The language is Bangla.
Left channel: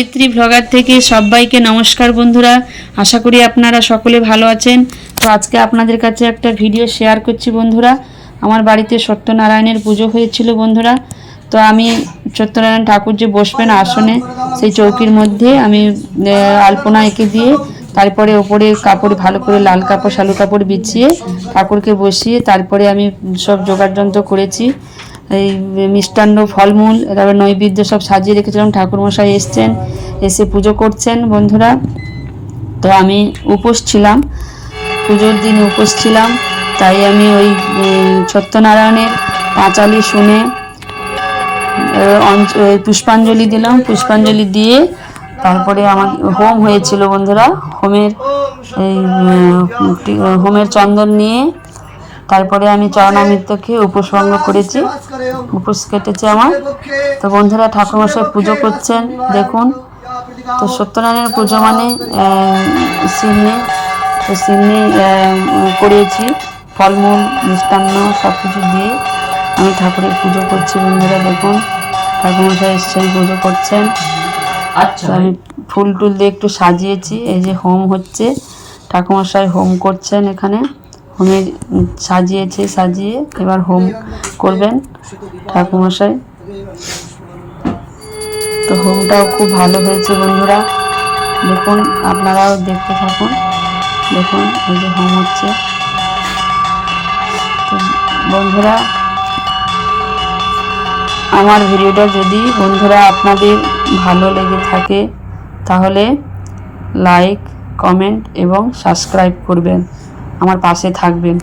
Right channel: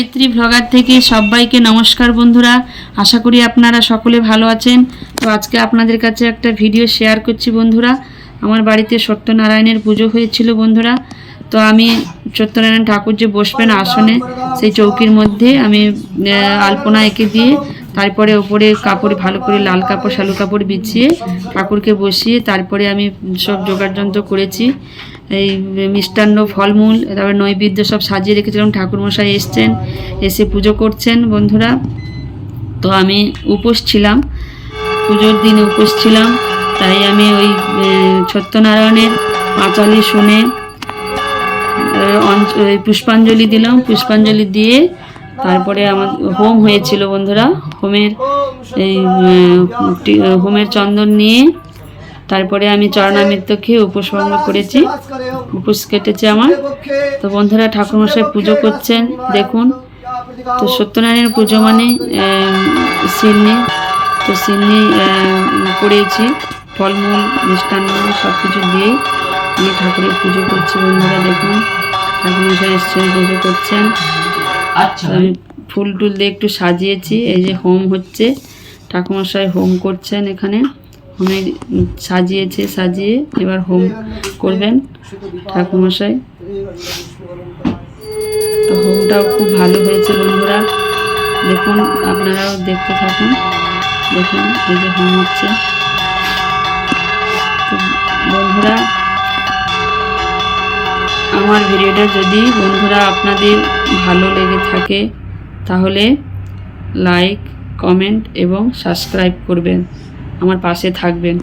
গায়ত্রী ভ্লগার থেকে সবাইকে নমস্কার বন্ধুরা। আশা করি আপনারা সকলে ভালো আছেন। তো আজকে আপনাদের কাছে একটা ভিডিও শেয়ার করছি বন্ধুরা। আমার বাড়িতে সত্যনারায়ণের পুজো হয়েছিল বন্ধুরা। তো আমি সত্যনারায়ণ ঠাকুর যে বসবেন আসনে, সেই চৌকির মধ্যে আমি আলপনা এঁকে দিয়ে, তারপরে ওপরে কাপড় ভালো করে লাল কাপড়, শালু কাপড় বিছিয়ে ঠাকুরকে বসিয়ে তারপরে আমি সব জোগাড় যন্ত্র করেছি। এই মিষ্টান্ন ফলমূল, তারপরে নৈবেদ্য সব সাজিয়ে রেখেছিলাম, ঠাকুরমশাই এসছেন, এসে পুজো করছেন বন্ধুরা। তো আমি উপোস ছিলাম, পুজোর দিন উপোস ছিলাম, তাই আমি ওই সত্যনারায়ণের পাঁচালি শুনে ওই পুষ্পাঞ্জলি দিলাম, পুষ্পাঞ্জলি দিয়ে তারপরে আমার হোম হয়েছিল বন্ধুরা, হোমের এই হোমের চন্দন নিয়ে তারপরে আমি চরণামৃত খেয়ে উপোস ভঙ্গ করেছি। উপোস কেটেছে আমার। তো বন্ধুরা ঠাকুরমশাই পুজো করছেন দেখুন। তো সত্যনারায়ণের পুজো মানে সিন্নি। তো সিন্নি করেছি ফলমূল মিষ্টান্ন সব কিছু দিয়ে আমি ঠাকুরের পুজো করছি বন্ধুরা দেখুন। ঠাকুরমশাই এসছেন পুজো করছেন। আচ্ছা। আমি ফুল টুল দিয়ে একটু সাজিয়েছি এই যে হোম হচ্ছে। ঠাকুমশাই হোম করছেন এখানে। হোমে সাজিয়েছে, সাজিয়ে এবার হোম করবেন ঠাকুমশাই তো হোমটাও খুব ভালো হয়েছে বন্ধুরা। দেখুন, আপনারাও দেখতে থাকুন। দেখুন, এই যে হোম হচ্ছে। তো বন্ধুরা, আমার ভিডিওটা যদি বন্ধুরা আপনাদের ভালো লেগে থাকে, তাহলে লাইক, কমেন্ট এবং সাবস্ক্রাইব করবেন। আমার পাশে থাকবেন।